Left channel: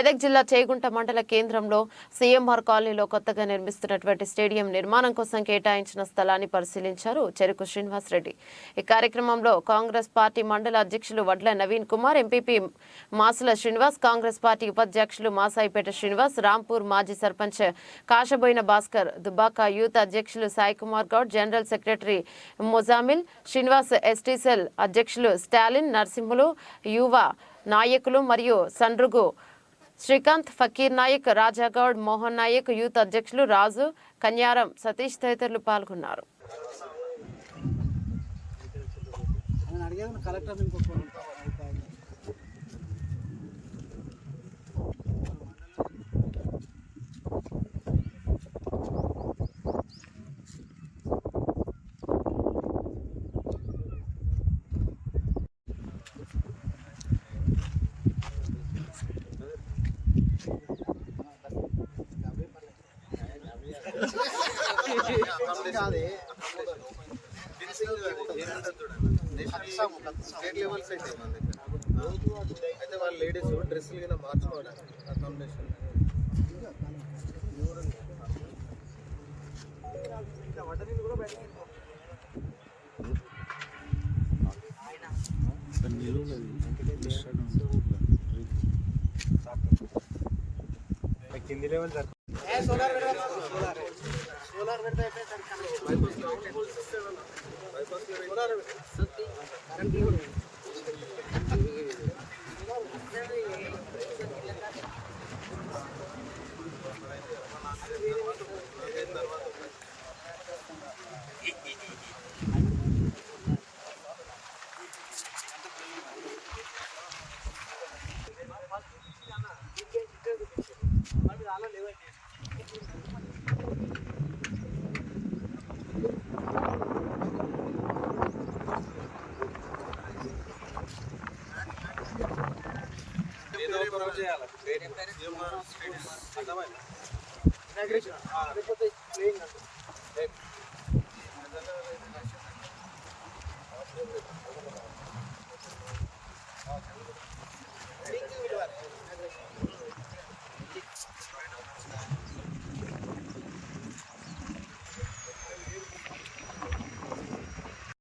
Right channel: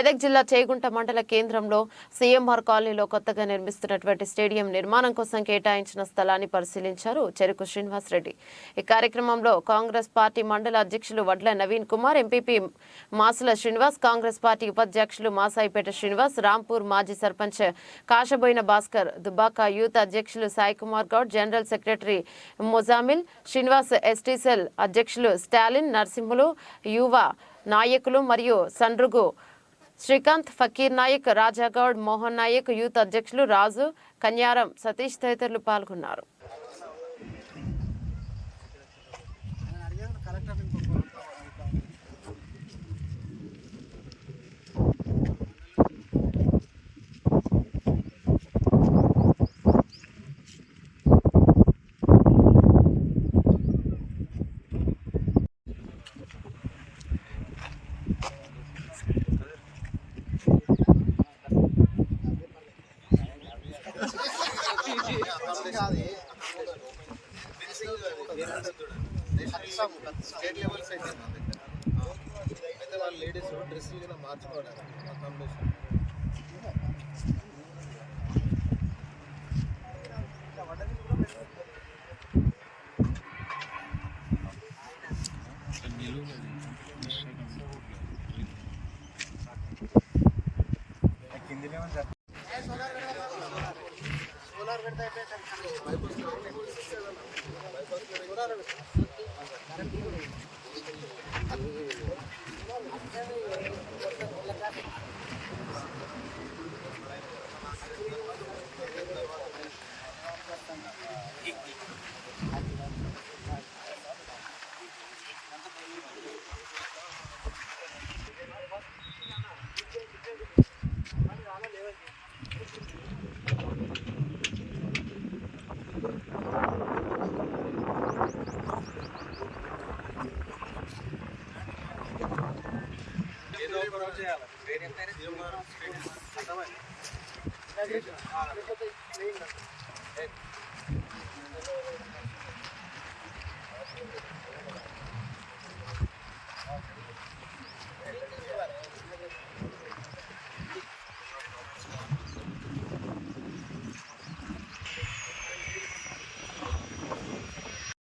మెదక్ జిల్లా చేగుంట మండల కేంద్రంలో సీఎంఆర్ కాలనీలో కొత్తగా నిర్మిస్తున్నటువంటి స్టేడియం నిర్మాణం కోసం కేటాయించిన స్థలాన్ని పరిశీలించారు చెరుకు శ్రీనివాస్ రెడ్డి. ఈ కార్యక్రమంలో కాంగ్రెస్ పార్టీ మండల అధ్యక్షులు వడ్ల నవీన్ కుమార్, ఎంపీపీ మాసుల శ్రీనివాస్, కాంగ్రెస్ పార్టీ ఉపాధ్యక్షులు మాసాయిపేట శ్రీనివాస్, రాంపూర్ మాజీ సర్పంచ్ కాశబోయిన భాస్కర్, దుబాక యూత్ అధ్యక్షులు Sai Kumar Goud, general secretary Mozamil Srinivas, ST cell అధ్యక్షులు స్టాలిన్, నరసింహులు, యువ నాయకులు మరియు సండ్రుగు శ్రీకాంత్, ఫకీర్ నాయక్, రాజాగౌడ్, మోహన్ నాయక్, యూత్ అధ్యక్షులు రాజు, కన్యారం సతీష్ తదితరులు పాల్గొన్నారు. స్టేట్ లెవెల్ సైడ్ అయితే వాళ్ళ లేడీస్ డ్రెస్సులు కింద మార్చుకోవడానికి కింది లెవెల్ సార్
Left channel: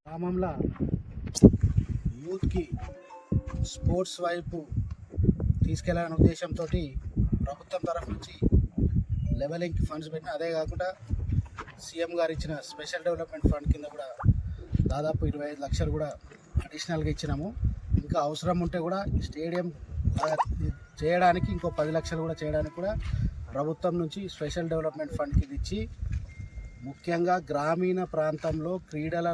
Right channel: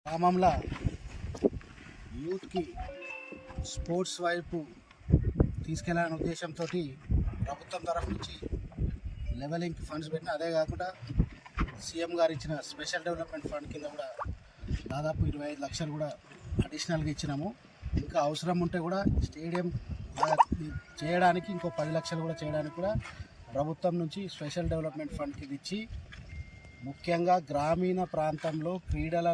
గ్రామంలో యూత్కి స్పోర్ట్స్ వైపు తీసుకెళ్లాలనే ఉద్దేశంతో ప్రభుత్వం తరఫు నుంచి లెవెలింగ్ ఫండ్స్ పెట్టిన, అదే కాకుండా సీఎం గారు ఇచ్చిన స్పెషల్ డెవలప్మెంట్ ఫండ్ కింద కూడా దాదాపు 25 లక్షలు కూడా అడిషనల్గా ఇచ్చినాము. ఇంకా అవసరం ఉంటే కూడా స్టేడియం చేయడానికి ఇంకో 10 లక్షలు కూడా చేయడానికి కూడా ప్రభుత్వం నుంచి స్పెషల్ డెవలప్మెంట్ ఫండ్కి ఇచ్చి, ముఖ్యంగా గ్రామీణ ప్రాంతంలో క్రీడల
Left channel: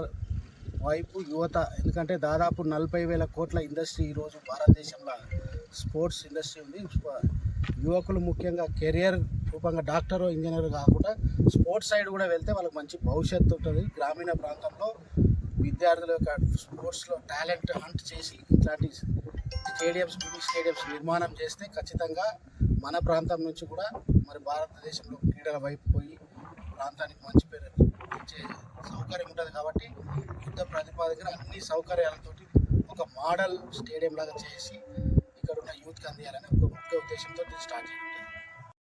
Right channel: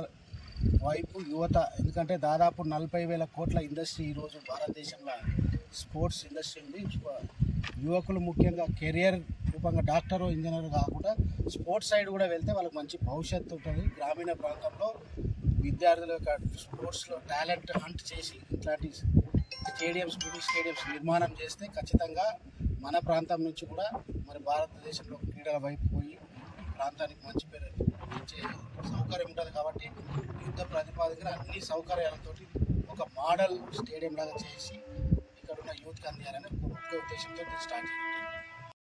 వైపు యువత, ఎందుకంటే దాదాపు 40,000 కోట్ల ఇండస్ట్రీ ఈరోజు భారతదేశంలో స్పోర్ట్స్ ఇండస్ట్రీ ఉంది. యువకులు ముఖ్యంగా కెరియర్ రూపంగా డాక్టరో ఇంజనీర్ కాకుండా స్పోర్ట్స్ సైడ్ కూడా వెళ్తే వాళ్ళకి మంచి భవిష్యత్తు ఉంటుంది. గ్రామీణ ప్రాంతంలో విద్యార్థుల యొక్క స్పోర్ట్స్లో టాలెంట్ హంట్ చేసి ఇట్లాంటి స్టేడియంస్, మినీ స్టేడియంస్ నిర్మాణం చేస్తే ఖచ్చితంగా మన ప్రాంతం నుంచి కూడా మరి భారతదేశంలో క్రీడల వైపు పోయి ప్రాంతానికి మంచి పేరు ఇచ్చే సౌకర్యం ఉంటుంది. కాబట్టి యుద్ధ ప్రతిపాదన అన్ని సౌకర్యాలతో ఒక మోడల్ స్టేడియం లాగా చేసి ఇక్కడ ఉన్న యూత్కి అందియాలని ఒక ముఖ్య ఉద్దేశంతో స్టార్ట్ చేయాలి.